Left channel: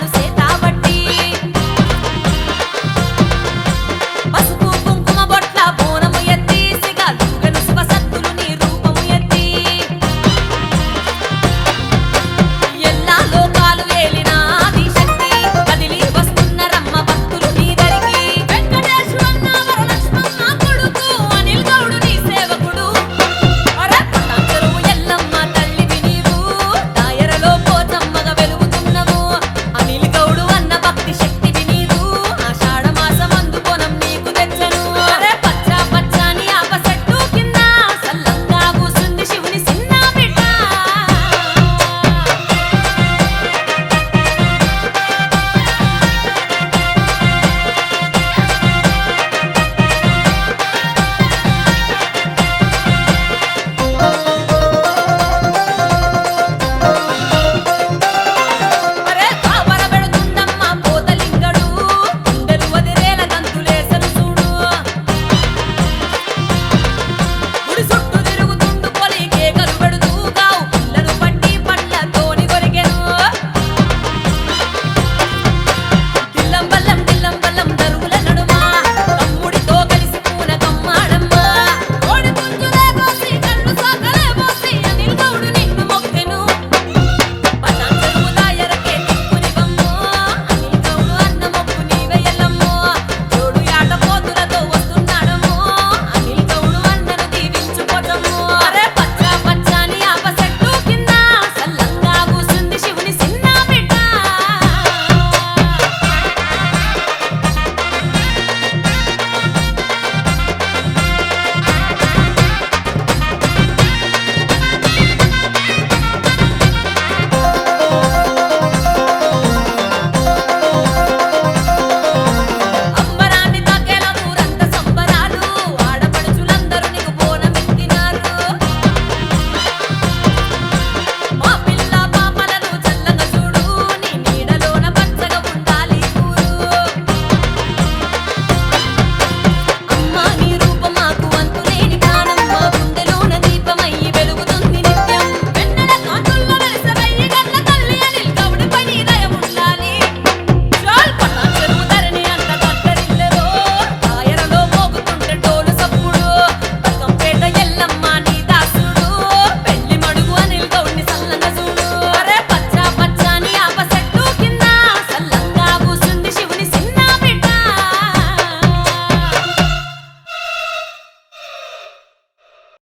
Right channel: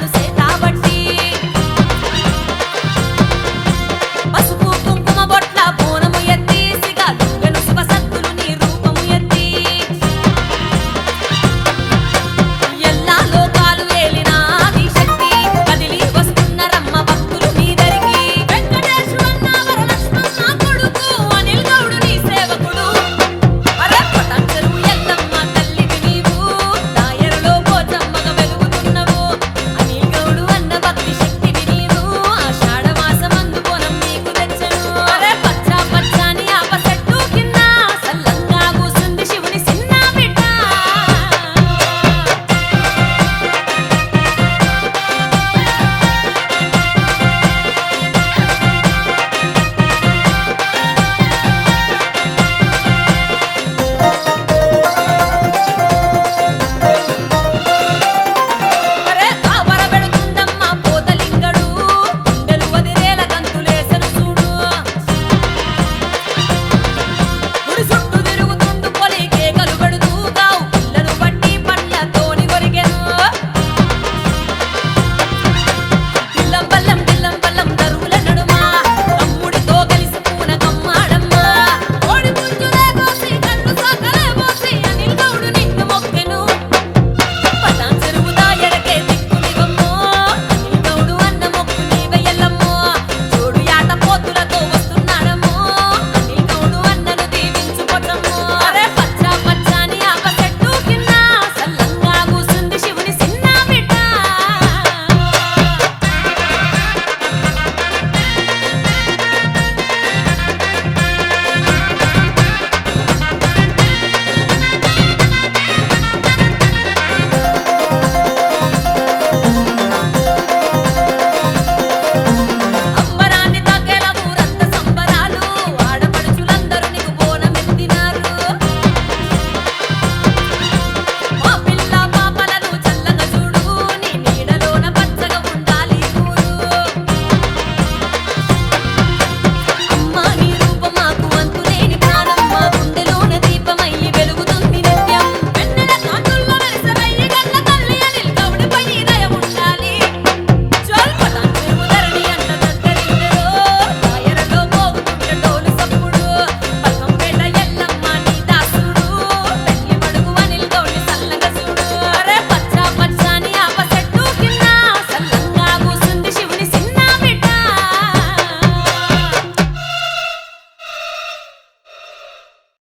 బొమ్మను సేతాబట్టి పసుపు కుంకుమ బొట్ల బోనము ఎత్తి సిగాలుగను శివ సత్తులు నీ రూపము ఎత్తి ఎల్లా లోకాలు ఏలిన ఆది శక్తి కదిలి వస్తున్న రమ్మ భక్తులు నీ దరికి వెంకటేశు అన్న వరలక్ష్మమ్మ కొడుకు అనిల్ గౌడు నీ సేవకుడు పటాన్చెరువు ఎల్లమ్మ తల్లివి నీవు దాయరలో పోచమ్మగా వెలుగుతున్నవు అనిల్ గౌడు అన్న భక్తి శక్తివి నీవు ఆషాఢ మాసమందు బోనం నీకు తెచ్చను పచ్చా పచ్చాని ఆప చెట్టు కింద సల్లంగా కూసుంది శివుని చిన్న బిడ్డ లింగడు గుండెలు వదిరేల గంతులేసను చూడు గుడి చుట్టూ తిరుగుతుండు పొలి కేకలు పెడుతూ గావు పిల్లను బట్టి పండ్లతోని కొరికెను దిల్లం బల్లం దరువుల నడుమా తమ్ముడితో కలిసి పూన కమ్మాడమ్మా కోడి పుంజులే కోసి కళ్ళు సాకలే పోసి అనిల్ గౌడు నిన్ను మొక్కెను పటాన్చెరువు దాయరకే దిక్కునివమ్మో అనిల్ గౌడు అన్న మొక్కు నీవెయ్యలమ్మో జోడు యాట పోతులతో వస్తున్నాడమ్మో అనిల్ గౌడు అన్నను దీవించుకోటమ్మో పచ్చా పచ్చాని ఆప చెట్టు కింద సల్లంగా కూసుంది శివుని చిన్న బిడ్డ అంబరాన్ని తాకేల ఊరంత సంబరాలు ఆడపడుచులందరూ నీకు బోనమెత్తినారు మా పిల్ల పాపలను చల్లంగా చూడు నీ నీడలోన పచ్చగా ఉండాలి ఊరు అమ్మా నీ రూపం మాకు అంతులేని ప్రాణం మా గుండెలోన దీపమయ్యి వెలుగుతుంది నిత్యం వెన్నెల కాంతుల్లో వెలిసవయ్యి గల్ల తల్లి అనిల్ గౌడిపై నీ దయ ఉండాలి పటాన్చెరువు ధరణి అంత దగ్గరిల్లెదో దాయరలో మోగుతుంటే డోలు సప్పుడు బల్కంపేట ఎల్లమ్మ నీ దాసుడు పెళ్లి మడుగు అనిల్ గౌడి సల్లంగా చూడు పచ్చా పచ్చాని ఆప చెట్టు కింద సల్లంగా కూసుంది శివుని చిన్న